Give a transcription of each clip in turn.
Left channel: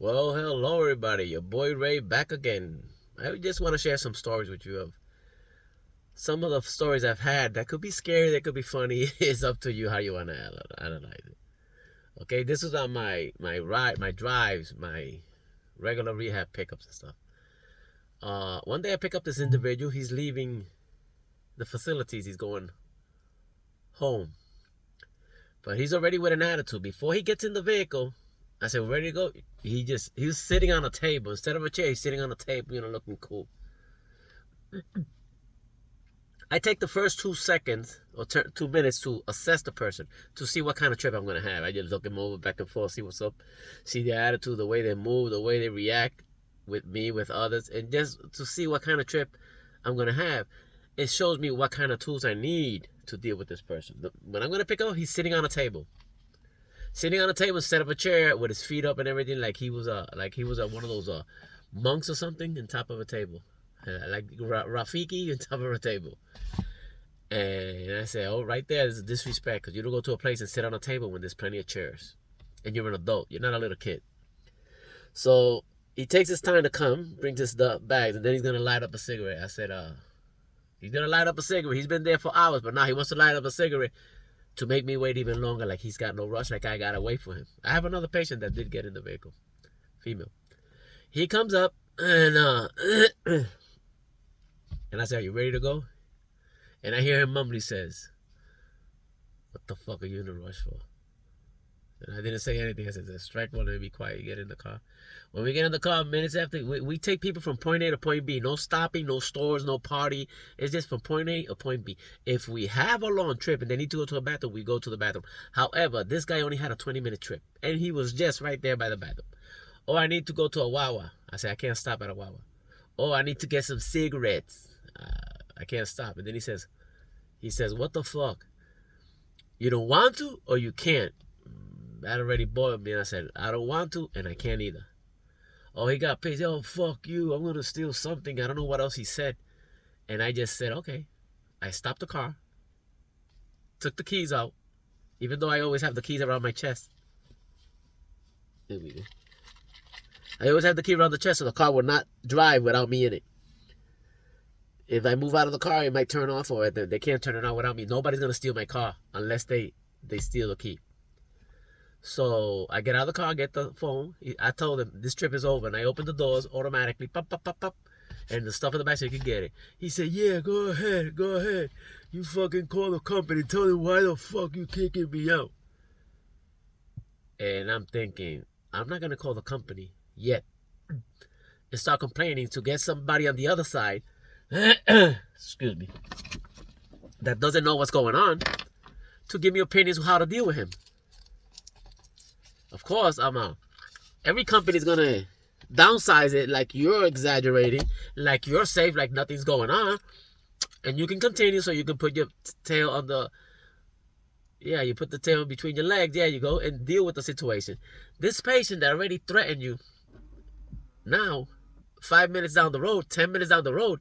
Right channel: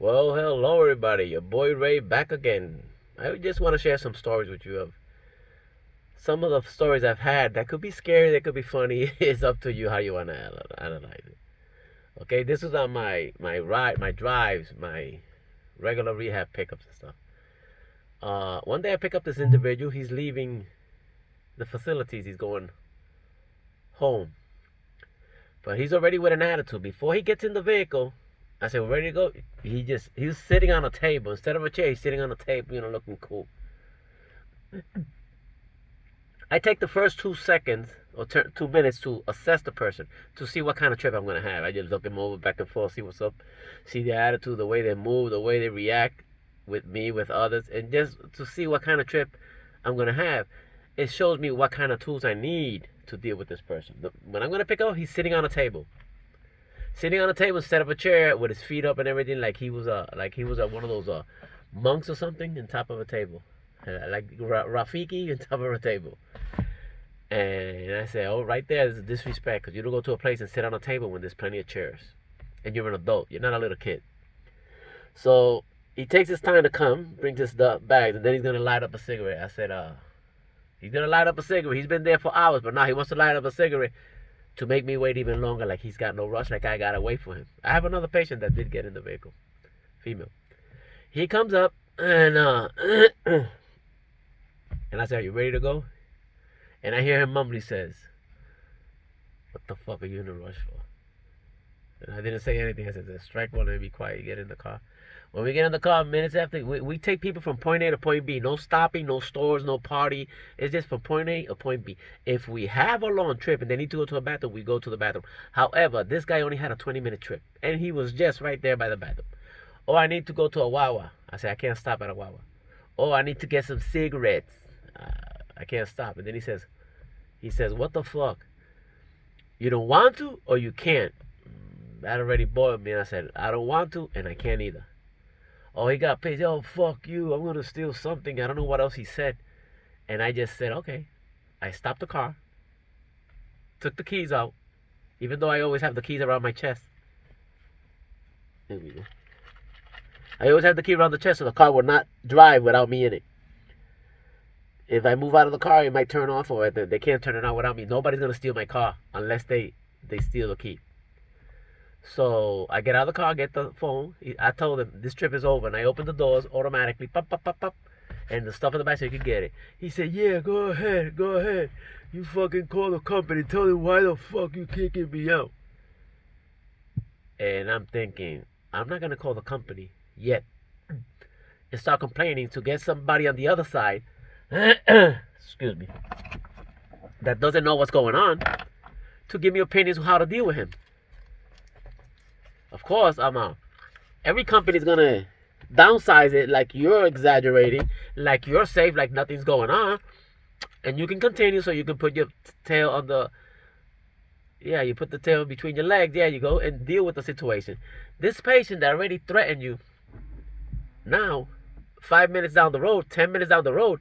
Well, hello everybody. Your boy Ray back again. I just want to share some stories with you of some of the stories I've had that could be scary, that could be funny. It's up to you how you want to analyze it. Okay, this is on my drives, my regular rehab pickups and stuff. One day I pick up this individual. He's leaving the facilities. He's going home, but he's already with an attitude. Before he gets in the vehicle, I said, "Ready to go?" He was sitting on a table instead of a chair. He's sitting on a table, looking cool. I take the first 2 seconds or 2 minutes to assess the person to see what kind of trip I'm gonna have. I just look them over back and forth, see what's up, see their attitude, the way they move, the way they react with me, with others, and just to see what kind of trip I'm gonna have. It shows me what kind of tools I need to deal with this person. When I'm gonna pick up, he's sitting on a table, instead of a chair with his feet up and everything, like he was one of those monks or something, on top of a table, like Rafiki on top of a table. And I said, oh, right there is a disrespect because you don't go to a place and sit on a table when there's plenty of chairs. And you're an adult. You're not a little kid. So he takes his time to come, brings his bags, and then he's going to light up a cigarette. I said, he's going to light up a cigarette. He's been there for hours, but now he wants to light up a cigarette to make me wait even longer, like he's got no rush, like I got to wait for him. I have another patient that did get in the vehicle, female. He comes up, and and I said, are you ready to go? And I hear him mumble. He says, what the fuck are you in a rush for? And I didn't say anything. I said, strike one and be quiet. Get in the car. When we get in the car, minutes after, we take people from point A to point B. No stopping, no stores, no party. It's just from point A to point B. If we have a long trip and they need to go to a bathroom, we go to the bathroom. However, this guy only had a 20-minute trip. And he was just right there by the bathroom. Oh, I need to go to a Wawa. I said, I can't stop at a Wawa. Oh, I need to get some cigarettes. I can't stop. And then he says, what the fuck? You don't want to or you can't? That already boiled me. And I said, I don't want to and I can't either. Oh, he got pissed. Oh, fuck you. I'm going to steal something. I don't know what else he said. And I just said, okay. I stopped the car, took the keys out, even though I always have the keys around my chest. There we go. I always have the key around the chest so the car will not drive without me in it. If I move out of the car, it might turn off, or they can't turn it on without me. Nobody's going to steal my car unless they steal the key. So I get out of the car, get the phone. I told him this trip is over, and I opened the doors automatically, pop, pop, pop, pop, and the stuff in the back so you can get it. He said, "Yeah, go ahead, go ahead. You fucking call the company, tell them why the fuck you kicking me out." And I'm thinking, I'm not gonna call the company yet and start complaining to get somebody on the other side, excuse me, that doesn't know what's going on, to give me opinions on how to deal with him. Of course, I'm out. Every company's gonna downsize it like you're exaggerating, like you're safe, like nothing's going on, and you can continue so you can put your tail on the, yeah, you put the tail between your legs, there you go, and deal with the situation. This patient that already threatened you, now 5 minutes down the road, 10 minutes down the road,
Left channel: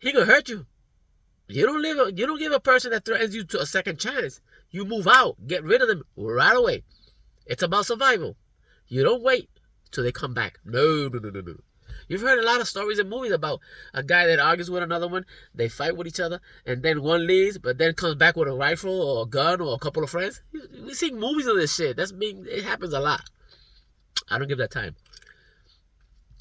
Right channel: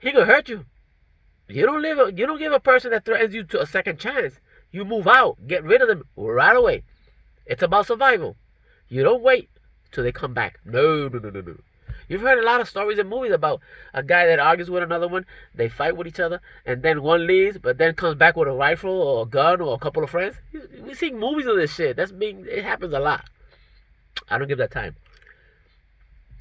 he could hurt you. You don't give a person that threatens you to a second chance. You move out, get rid of them right away. It's about survival. You don't wait till they come back. No, no, no, no, no. You've heard a lot of stories and movies about a guy that argues with another one. They fight with each other, and then one leaves, but then comes back with a rifle or a gun or a couple of friends. We see movies of this shit. It happens a lot. I don't give that time.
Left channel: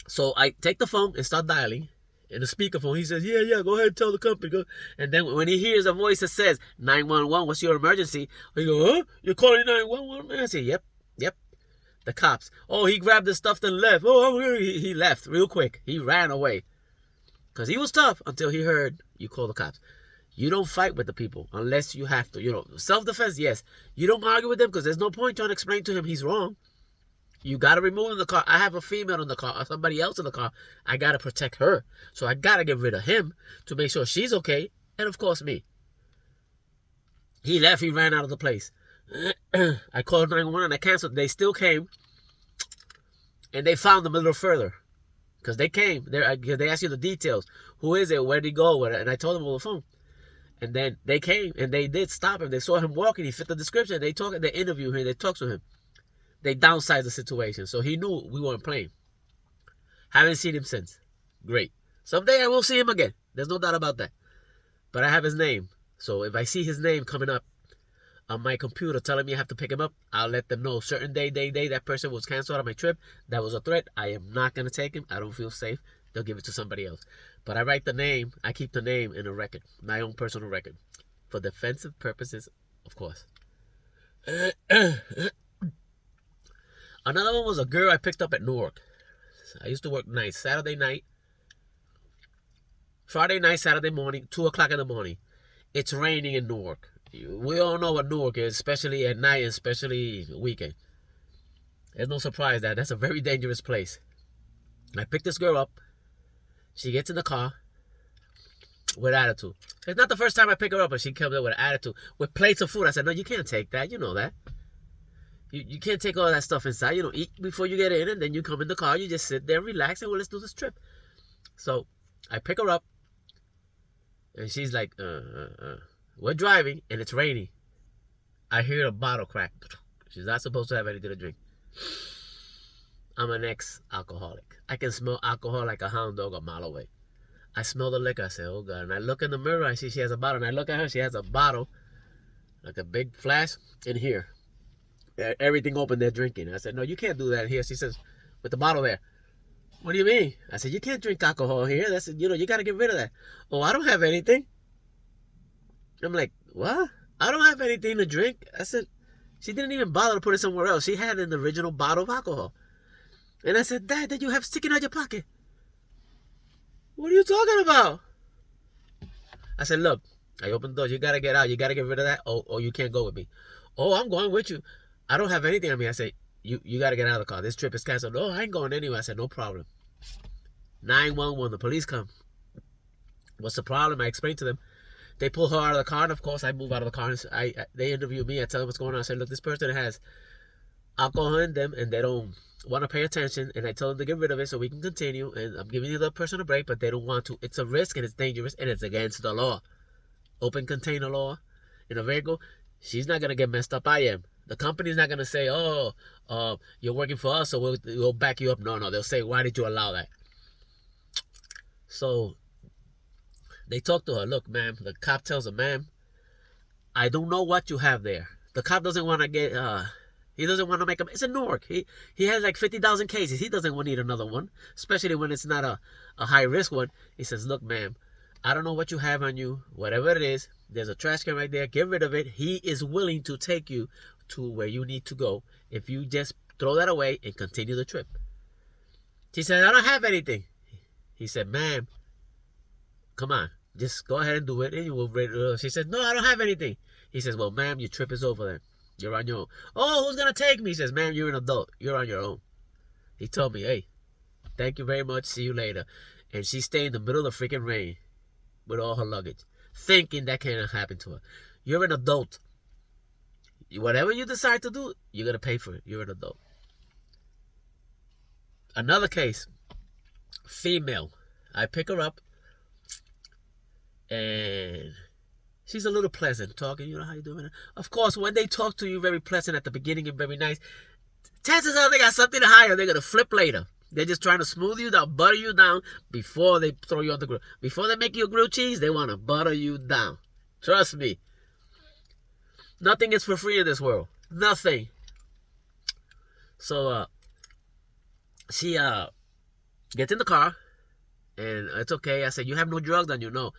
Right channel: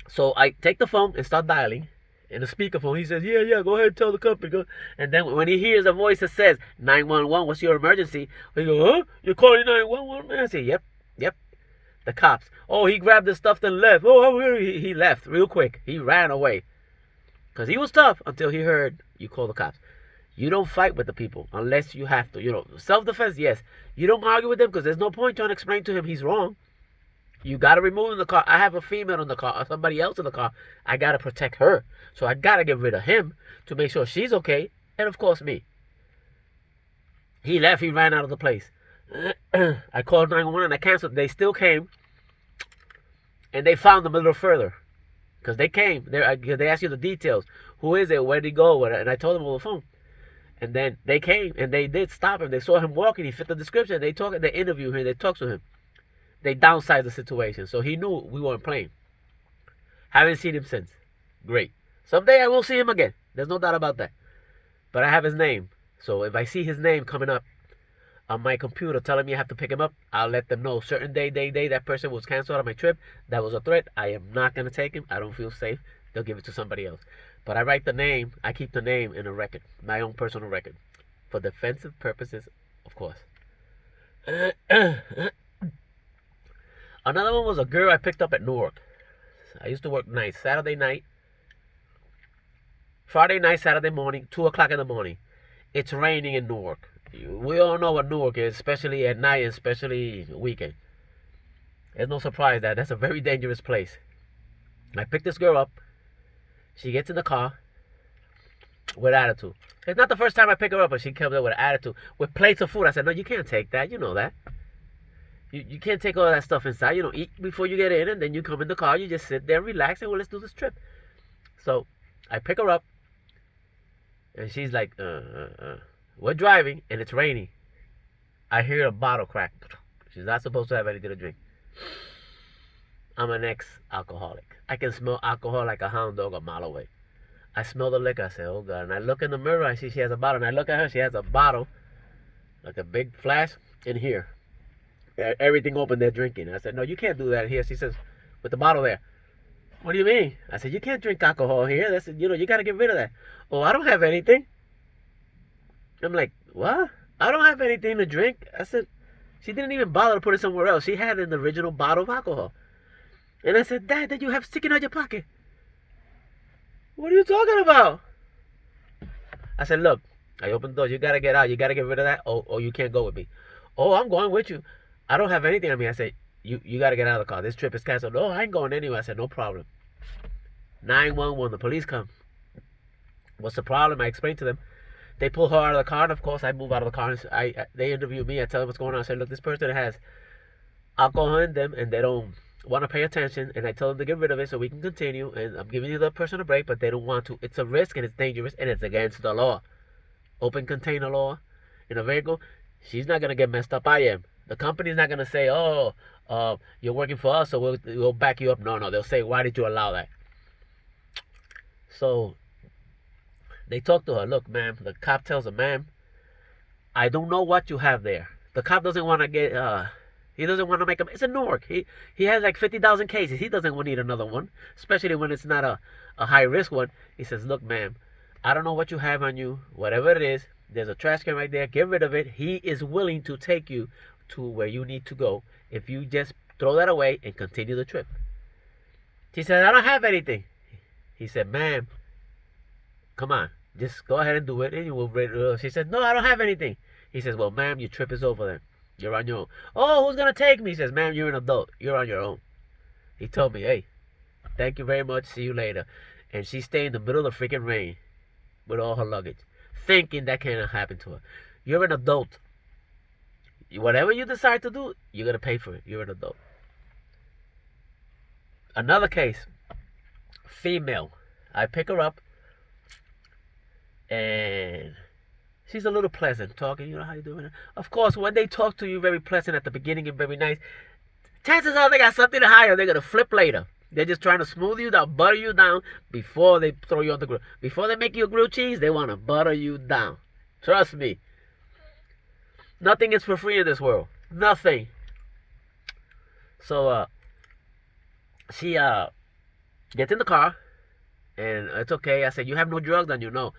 So I take the phone and start dialing. In the speakerphone, he says, yeah, go ahead and tell the company. Go. And then when he hears a voice that says, 911, what's your emergency? He goes, huh? You're calling 911? I say, yep. The cops. Oh, he grabbed his stuff and left. Oh, he left real quick. He ran away. Because he was tough until he heard you call the cops. You don't fight with the people unless you have to. Self-defense, yes. You don't argue with them because there's no point trying to explain to him he's wrong. You got to remove him in the car. I have a female in the car or somebody else in the car. I got to protect her. So I got to get rid of him to make sure she's okay. And, of course, me. He left. He ran out of the place. I called 911 and I canceled. They still came. And they found them a little further. Because they came. They asked you the details. Who is it? Where did he go? And I told them over the phone. And then they came and they did stop him. They saw him walking. He fit the description. They interviewed him. They talked to him. they downsized the situation. So he knew we weren't playing. Haven't seen him since. Great. Someday I will see him again. There's no doubt about that. But I have his name. So if I see his name coming up on my computer telling me I have to pick him up, I'll let them know certain day, that person was canceled on my trip. That was a threat. I am not going to take him. I don't feel safe. They'll give it to somebody else. But I write the name. I keep the name in a record, my own personal record, for defensive purposes, of course. Another one was a girl I picked up at Newark. I used to work nights, Saturday night, Friday night, Saturday morning, 2 o'clock in the morning. It's raining in Newark. We all know what Newark is, especially at night, especially weekend. It's no surprise that that's a very dangerous place. I picked this girl up. She gets in the car with attitude. It's not the first time I pick her up, but she comes up with attitude, with plates of food. I said, no, you can't take that. You know that. You can't take all that stuff inside. You know, eat before you get in, and then you come in the car. You just sit there, relax, and well, let's do this trip. So I pick her up, and she's like, we're driving, and it's raining. I hear a bottle crack. She's not supposed to have anything to drink. I'm an ex-alcoholic. I can smell alcohol like a hound dog a mile away. I smell the liquor. I say, oh, God. And I look in the mirror. I see she has a bottle. And I look at her. She has a bottle, like a big flask, in here. Everything open, they're drinking. I said, no, you can't do that here. She says, with the bottle there. What do you mean? I said, you can't drink alcohol here. That's, you got to get rid of that. Oh, I don't have anything. I'm like, what? I don't have anything to drink. I said, she didn't even bother to put it somewhere else. She had an original bottle of alcohol. And I said, Dad, that you have sticking out your pocket. What are you talking about? I said, look, I opened the door. You got to get out. You got to get rid of that, or you can't go with me. Oh, I'm going with you. I don't have anything on me. I said, you got to get out of the car. This trip is canceled. No, I ain't going anywhere. I said, no problem. 911, the police come. What's the problem? I explained to them. They pull her out of the car, and of course, I move out of the car. And they interview me. I tell them what's going on. I said, look, this person has alcohol in them, and they don't want to pay attention. And I tell them to get rid of it so we can continue. And I'm giving the person a break, but they don't want to. It's a risk, and it's dangerous, and it's against the law. Open container law in a vehicle. She's not going to get messed up. I am. The company's not going to say, oh, you're working for us, so we'll back you up. No, they'll say, why did you allow that? So they talk to her. Look, ma'am, the cop tells her, ma'am, I don't know what you have there. The cop doesn't want to get, he doesn't want to make a, it's in Newark. He has like 50,000 cases. He doesn't need another one, especially when it's not a high risk one. He says, look, ma'am, I don't know what you have on you. Whatever it is, there's a trash can right there. Get rid of it. He is willing to take you to where you need to go if you just throw that away and continue the trip. She said, I don't have anything. He said, ma'am, come on. Just go ahead and do it. And you will. She said, no, I don't have anything. He says, well, ma'am, your trip is over then. You're on your own. Oh, who's going to take me? He says, ma'am, you're an adult. You're on your own. He told me, hey, thank you very much. See you later. And she stayed in the middle of the freaking rain with all her luggage, thinking that can't happen to her. You're an adult. Whatever you decide to do, you're going to pay for it. You're an adult. Another case, female. I pick her up, and she's a little pleasant talking. You know, how you doing? Of course, when they talk to you very pleasant at the beginning and very nice, chances are they got something to hide. They're going to flip later. They're just trying to smooth you down, butter you down before they throw you on the grill. Before they make you a grilled cheese, they want to butter you down. Trust me. Nothing is for free in this world. Nothing. So, she gets in the car, and it's okay. I said, you have no drugs on you? No.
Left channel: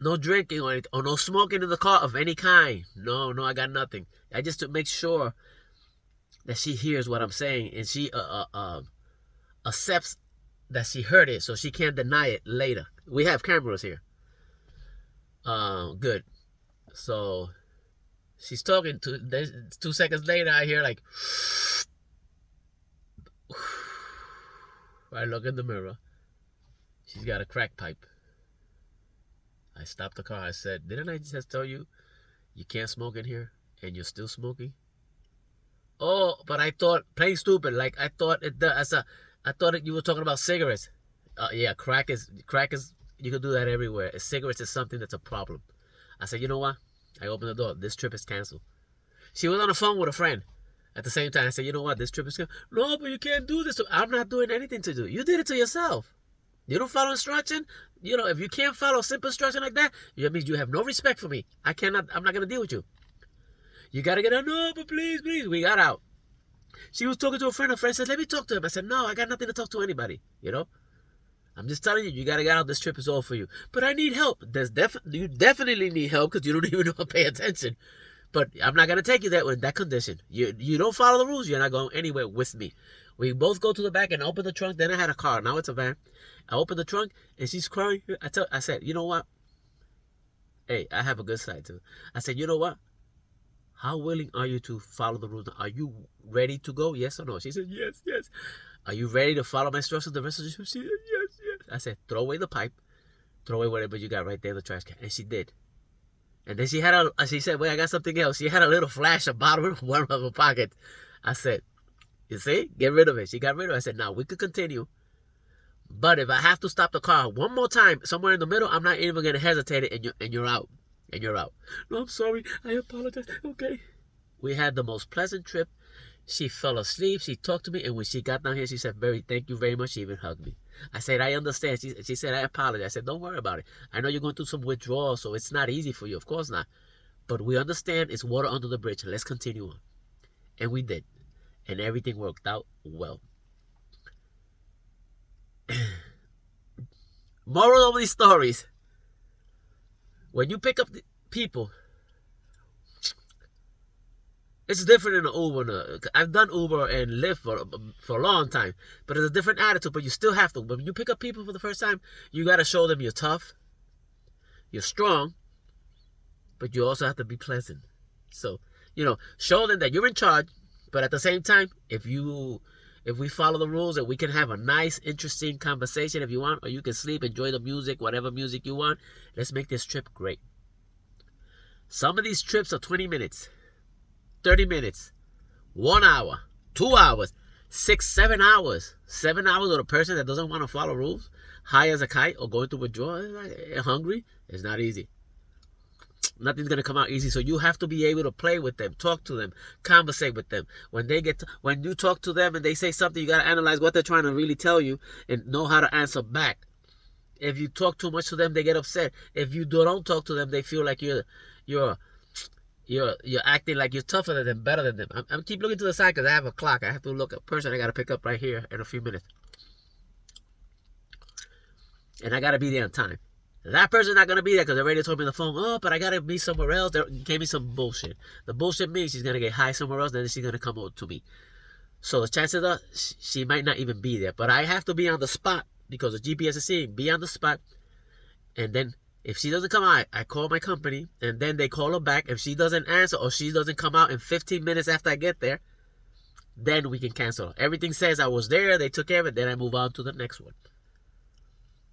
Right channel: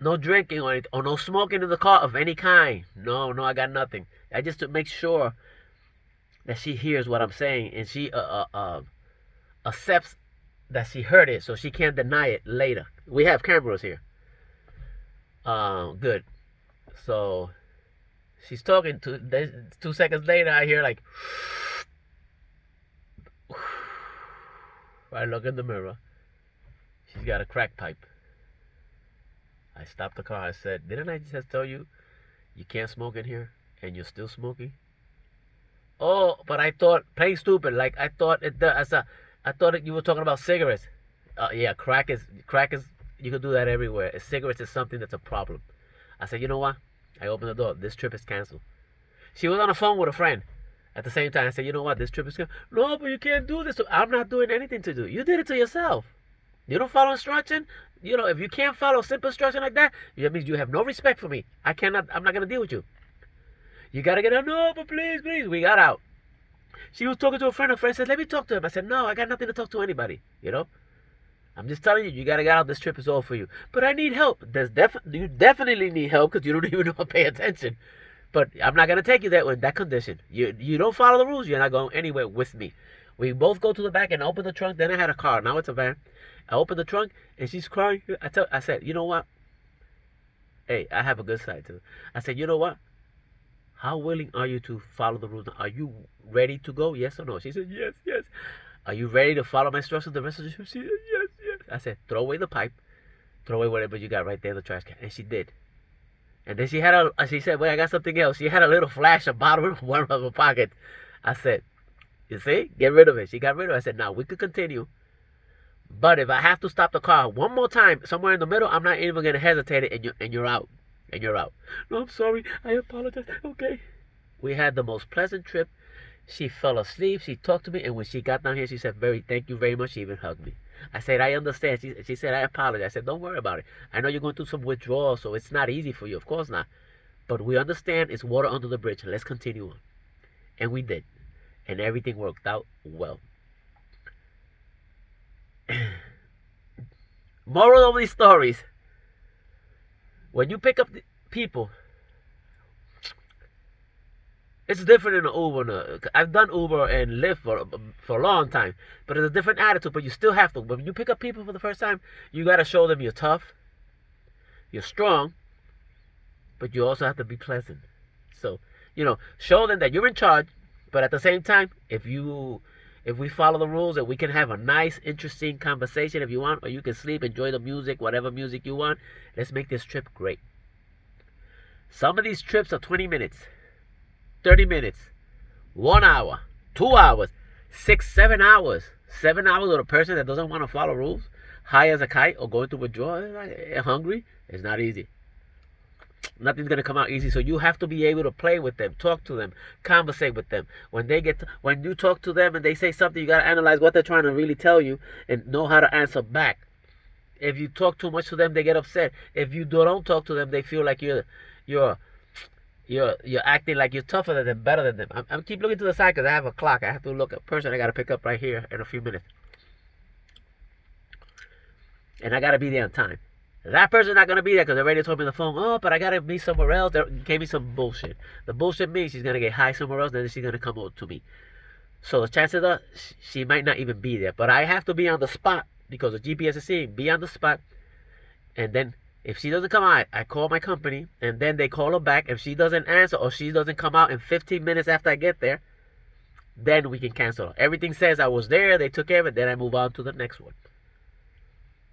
No drinking or anything, or no smoking in the car of any kind. No, I got nothing. I just to make sure that she hears what I'm saying, and she accepts that she heard it, so she can't deny it later. We have cameras here. Good. So she's talking to. 2 seconds later, I hear like. I look in the mirror. She's got a crack pipe. I stopped the car. I said, didn't I just tell you you can't smoke in here, and you're still smoking? Oh, but I thought, playing stupid, like I thought you were talking about cigarettes. Yeah, crack is, you can do that everywhere. Cigarettes is something that's a problem. I said, you know what? I opened the door. This trip is canceled. She was on the phone with a friend. At the same time, I said, you know what, this trip is good. No, but you can't do this. I'm not doing anything to do. You did it to yourself. You don't follow instruction. If you can't follow simple instruction like that means you have no respect for me. I'm not going to deal with you. You got to get out. No, but please. We got out. She was talking to a friend. A friend said, let me talk to him. I said, no, I got nothing to talk to anybody. I'm just telling you, you got to get out. This trip is all for you. But I need help. You definitely need help because you don't even know how to pay attention. But I'm not going to take you there in that condition. You don't follow the rules. You're not going anywhere with me. We both go to the back and open the trunk. Then I had a car. Now it's a van. I opened the trunk and she's crying. I said, you know what? Hey, I have a good side too. I said, you know what? How willing are you to follow the rules? Are you ready to go? Yes or no? She said, yes. Are you ready to follow my instructions the rest of the trip? She said, yes. I said, throw away the pipe. Throw away whatever you got right there in the trash can. And she did. And then she said, wait, I got something else. She had a little flash, a bottle of one of her pocket. I said, you see? Get rid of it. She got rid of it. I said, now we could continue. But if I have to stop the car one more time, somewhere in the middle, I'm not even going to hesitate it, and you're out. And you're out. No, I'm sorry. I apologize. Okay. We had the most pleasant trip. She fell asleep. She talked to me. And when she got down here, she said, thank you very much. She even hugged me. I said, I understand. She said, I apologize. I said, don't worry about it. I know you're going through some withdrawal, so it's not easy for you. Of course not. But we understand it's water under the bridge. Let's continue on. And we did. And everything worked out well. Moral of these stories. When you pick up people, it's different in an Uber. I've done Uber and Lyft for a long time, but it's a different attitude. But you still have to. When you pick up people for the first time, you got to show them you're tough, you're strong, but you also have to be pleasant. So, show them that you're in charge, but at the same time, if we follow the rules and we can have a nice, interesting conversation if you want, or you can sleep, enjoy the music, whatever music you want, let's make this trip great. Some of these trips are 20 minutes, 30 minutes, 1 hour, 2 hours, 6, 7 hours. 7 hours with a person that doesn't want to follow rules, high as a kite, or going to withdraw, hungry, it's not easy. Nothing's gonna come out easy, so you have to be able to play with them, talk to them, conversate with them. When you talk to them and they say something, you gotta analyze what they're trying to really tell you and know how to answer back. If you talk too much to them, they get upset. If you don't talk to them, they feel like you're acting like you're tougher than them, better than them. I'm keep looking to the side because I have a clock. I have to look at a person I gotta pick up right here in a few minutes, and I gotta be there on time. That person's not going to be there because they already told me on the phone, oh, but I got to be somewhere else. They gave me some bullshit. The bullshit means she's going to get high somewhere else, then she's going to come over to me. So the chances are she might not even be there. But I have to be on the spot because the GPS is saying be on the spot. And then if she doesn't come out, I call my company. And then they call her back. If she doesn't answer or she doesn't come out in 15 minutes after I get there, then we can cancel. Everything says I was there, they took care of it, then I move on to the next one.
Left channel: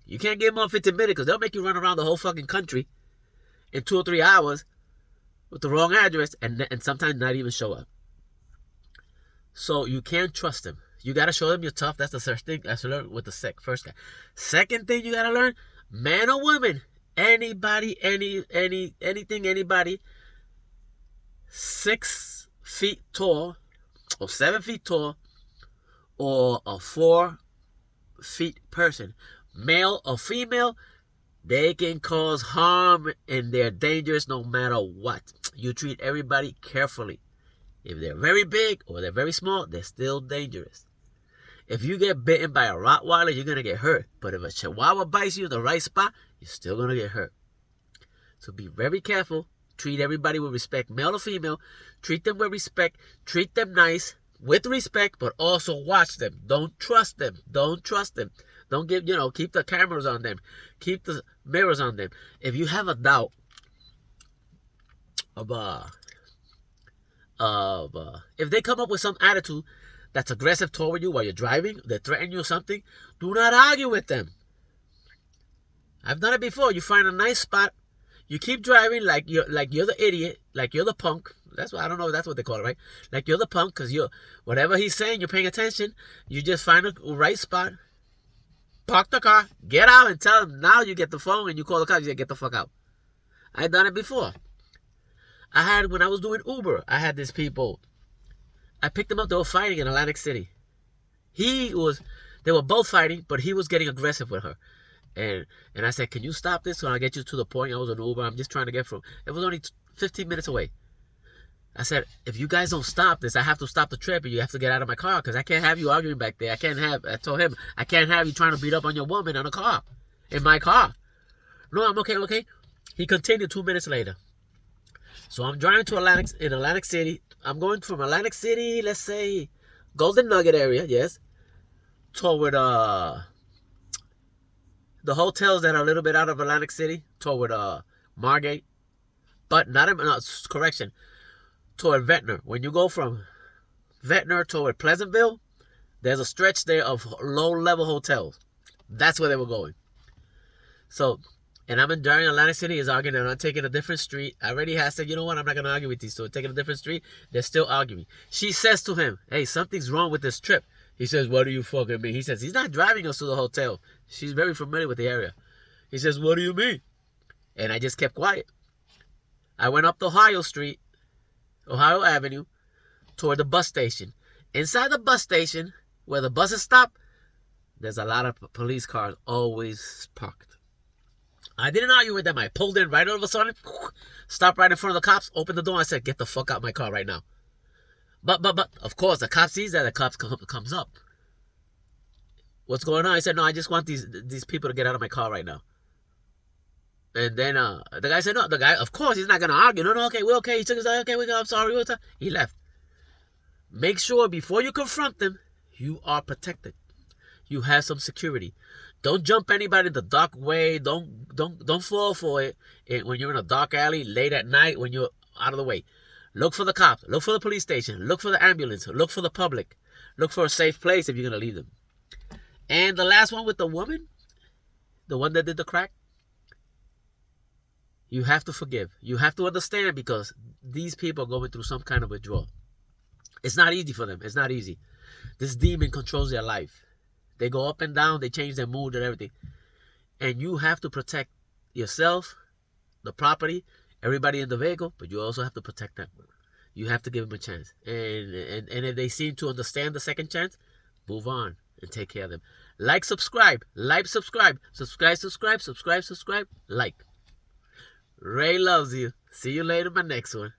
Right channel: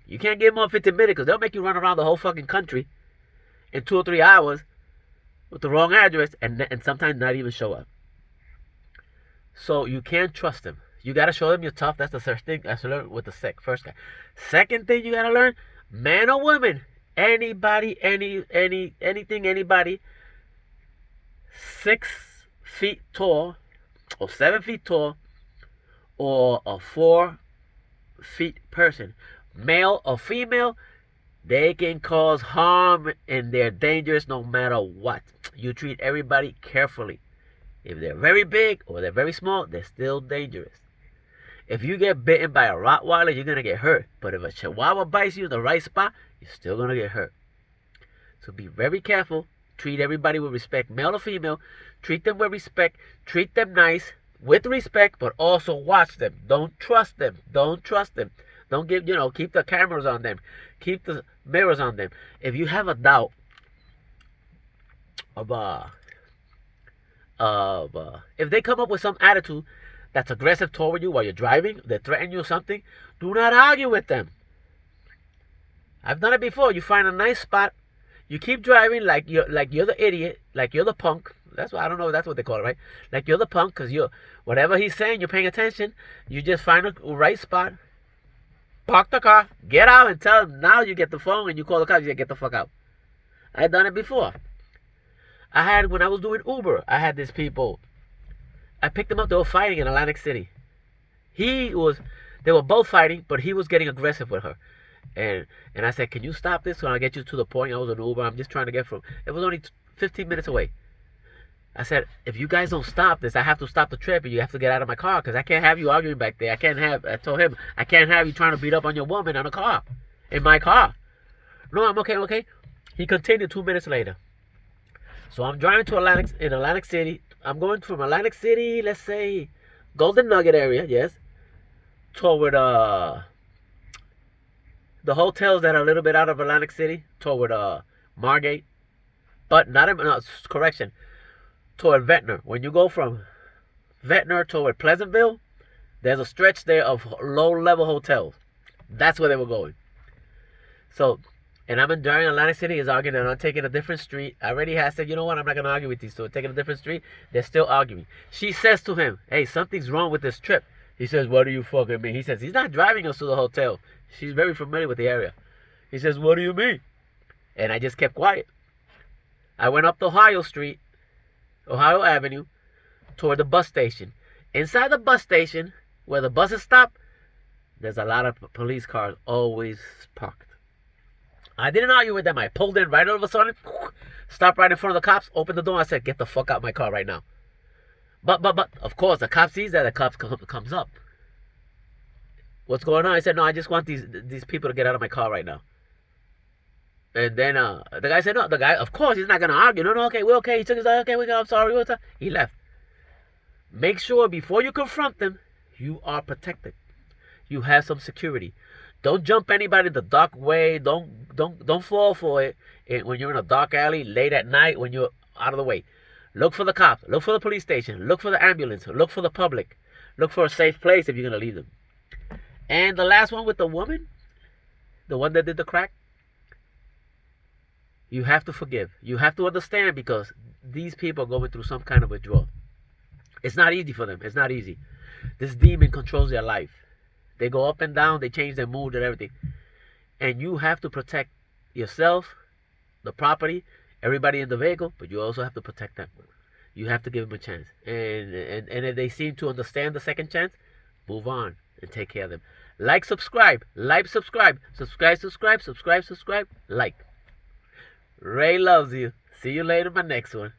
You can't give them up 15 minutes because they'll make you run around the whole fucking country in 2 or 3 hours with the wrong address and sometimes not even show up. So you can't trust them. You got to show them you're tough. That's the first thing I learned with the first guy. Second thing you got to learn, man or woman, anybody, anything, anybody 6 feet tall or 7 feet tall or a 4 feet person, male or female, they can cause harm and they're dangerous no matter what. You treat everybody carefully. If they're very big or they're very small, they're still dangerous. If you get bitten by a Rottweiler, you're going to get hurt. But if a Chihuahua bites you in the right spot, you're still going to get hurt. So be very careful. Treat everybody with respect, male or female. Treat them with respect. Treat them nice, with respect, but also watch them. Don't trust them. Don't trust them. Don't give, keep the cameras on them. Keep the mirrors on them. If you have a doubt if they come up with some attitude that's aggressive toward you while you're driving, they threaten you or something, do not argue with them. I've done it before. You find a nice spot. You keep driving like you're the idiot, like you're the punk. That's why I don't know if that's what they call it, right? Like you're the punk because whatever he's saying, you're paying attention. You just find a right spot. Park the car, get out and tell them. Now you get the phone and you call the cops, you say, get the fuck out. I've done it before. When I was doing Uber, I had these people I picked them up. They were fighting in Atlantic City. They were both fighting, but he was getting aggressive with her. And I said, can you stop this so I get you to the point? I was an Uber. I'm just trying to get from. It was only 15 minutes away. I said, if you guys don't stop this, I have to stop the trip and you have to get out of my car because I can't have you arguing back there. I told him, I can't have you trying to beat up on your woman on a car, in my car. No, I'm okay. He continued 2 minutes later. So I'm driving to Atlantic City. I'm going from Atlantic City, let's say, Golden Nugget area, yes, toward the hotels that are a little bit out of Atlantic City, toward Margate. But correction, toward Ventnor. When you go from Ventnor toward Pleasantville, there's a stretch there of low-level hotels. That's where they were going. So, and I'm in during Atlantic City is arguing and I'm taking a different street. I already had said, you know what, I'm not going to argue with these two. Taking a different street, they're still arguing. She says to him, hey, something's wrong with this trip. He says, what do you fucking mean? He says, he's not driving us to the hotel. She's very familiar with the area. He says, what do you mean? And I just kept quiet. I went up the Ohio Avenue, toward the bus station. Inside the bus station, where the buses stop, there's a lot of police cars always parked. I didn't argue with them. I pulled in right all of a sudden, stopped right in front of the cops, opened the door. I said, get the fuck out of my car right now. But, of course, the cop sees that. The cop comes up. What's going on? I said, no, I just want these people to get out of my car right now. And then the guy said, no. The guy, of course, he's not going to argue. No, okay, we're okay. He took his time. Okay, I'm sorry. He left. Make sure before you confront them, you are protected. You have some security. Don't jump anybody the dark way. Don't fall for it when you're in a dark alley late at night when you're out of the way. Look for the cops. Look for the police station. Look for the ambulance. Look for the public. Look for a safe place if you're going to leave them. And the last one with the woman, the one that did the crack, you have to forgive. You have to understand because these people are going through some kind of withdrawal. It's not easy for them. It's not easy. This demon controls their life. They go up and down. They change their mood and everything. And you have to protect yourself, the property, everybody in the vehicle, but you also have to protect them. You have to give them a chance. And if they seem to understand the second chance, move on and take care of them. Subscribe. Subscribe. Like. Ray loves you. See you later in my next one.